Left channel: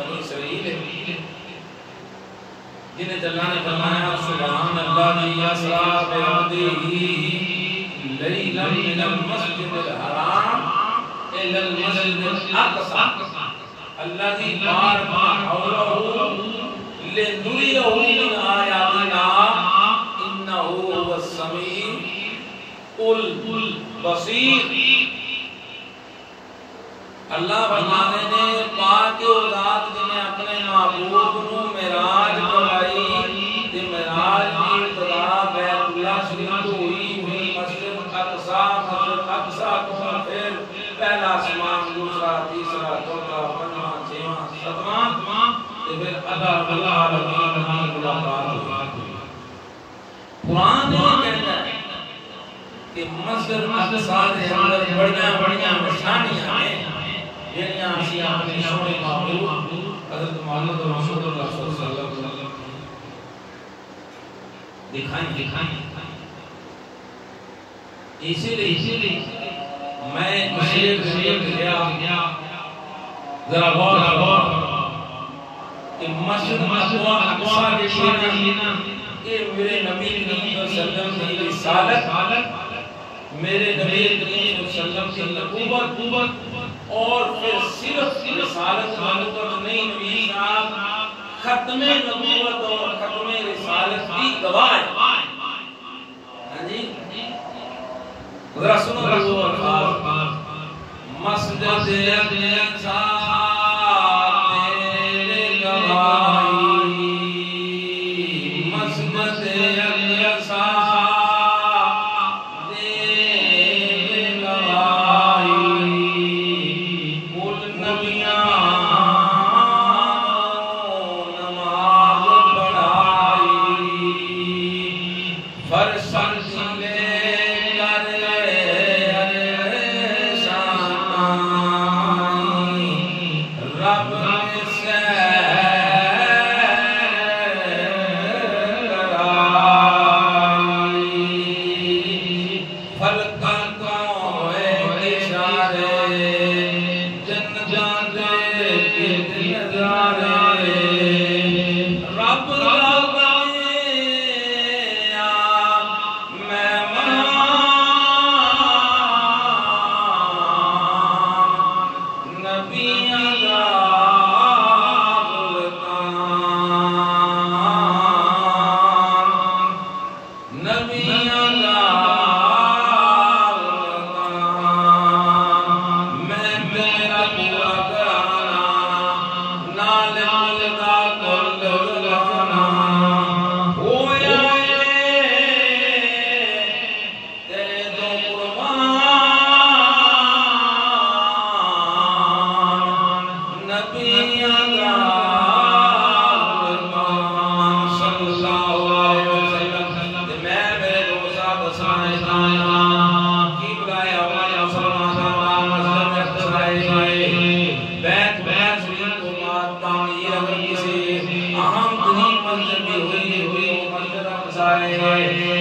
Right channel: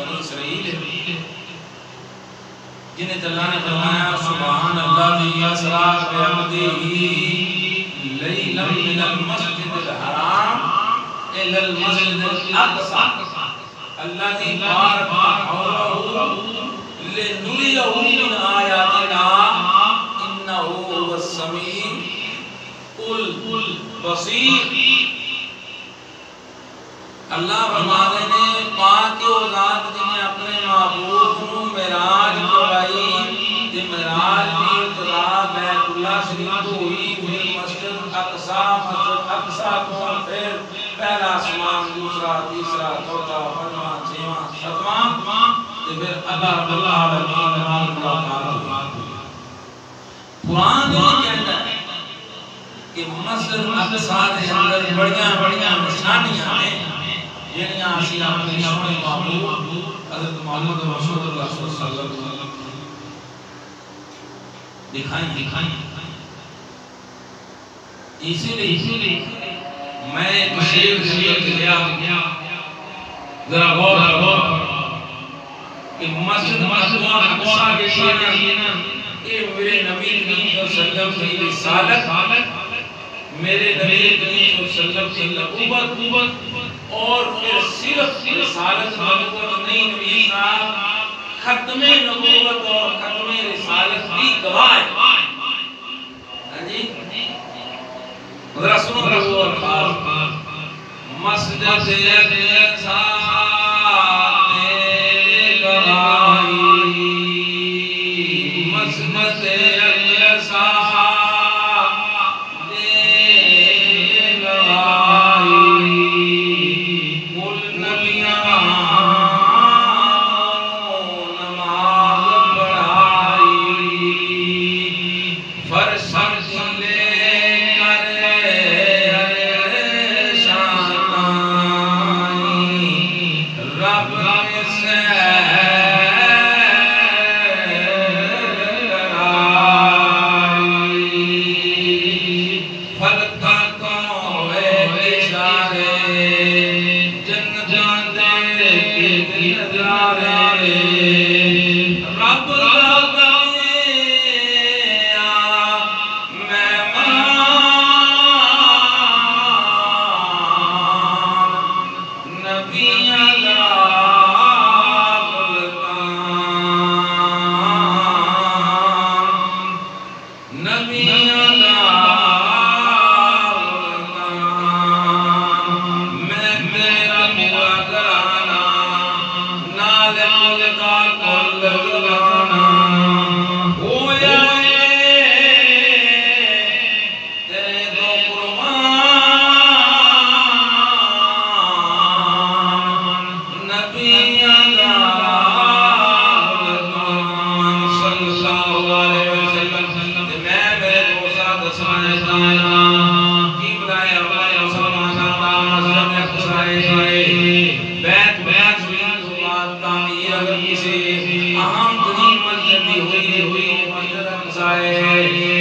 بنی اسرائیل جنہیں اللہ نے فرمایا سبحان الذی اسری بعبدہ لیلا من المسجد الحرام الی المسجد الاقصی الذی بارکنا حولہ لنریہ من آیاتنا انہ هو السمیع البصیر۔ اللہ فرمانے نے پاک و ذات جنہیں اپنے معبود کو معراج کرائی کہ معراج کی ابتدا بیت اللہ شریف تو ہوئی پھر مسجد اقصی کو پھر پہلا آسمان دوسرا تیسرا چوتھا پنجواں چھواں ساتواں پھر اللہ رب العالمین ملاقات ہوئی۔ قرآن یہ کہتا ہے کہ مسجد اقصی کے اندر بڑیاں نشانیاں ہیں جنہیں آسی اپنی سونے معبود حضرت محمد رسول اللہ صلی اللہ علیہ وسلم دکھائیں۔ اسی لیے میں شیخ گیا ذرا غور کہ مسجد اقصی کے لیے نا کہ میرے نبی کریم صلی اللہ علیہ وسلم کی رسالت، میرے نبی کریم صلی اللہ علیہ وسلم کی نبوت اور پھر صرف رسالت مطلب نہیں، نبی صاحب ختم نبوت اور ختم رسالت کی گواہ ہے۔ ہاں جی رسول اللہ مسجد اقصی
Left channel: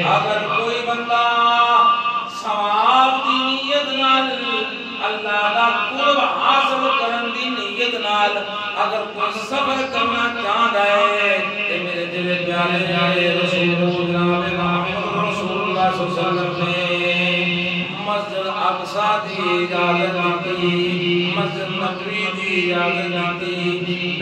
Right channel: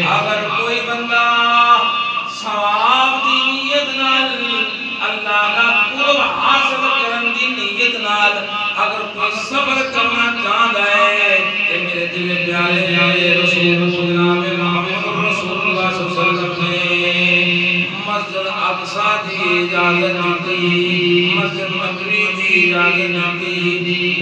اگر کوئی بندہ ثواب دی نیت نال اللہ کا قرب حاصل کرن دی نیت نال اگر کوئی صبر کرنا چاہتا ہے کہ میرے دل پیارے پیارے رسول جناب محمد رسول اللہ صلی اللہ علیہ وسلم نے مسجد اقصی دی اجازت دی، مسجد نبوی دی اجازت دی،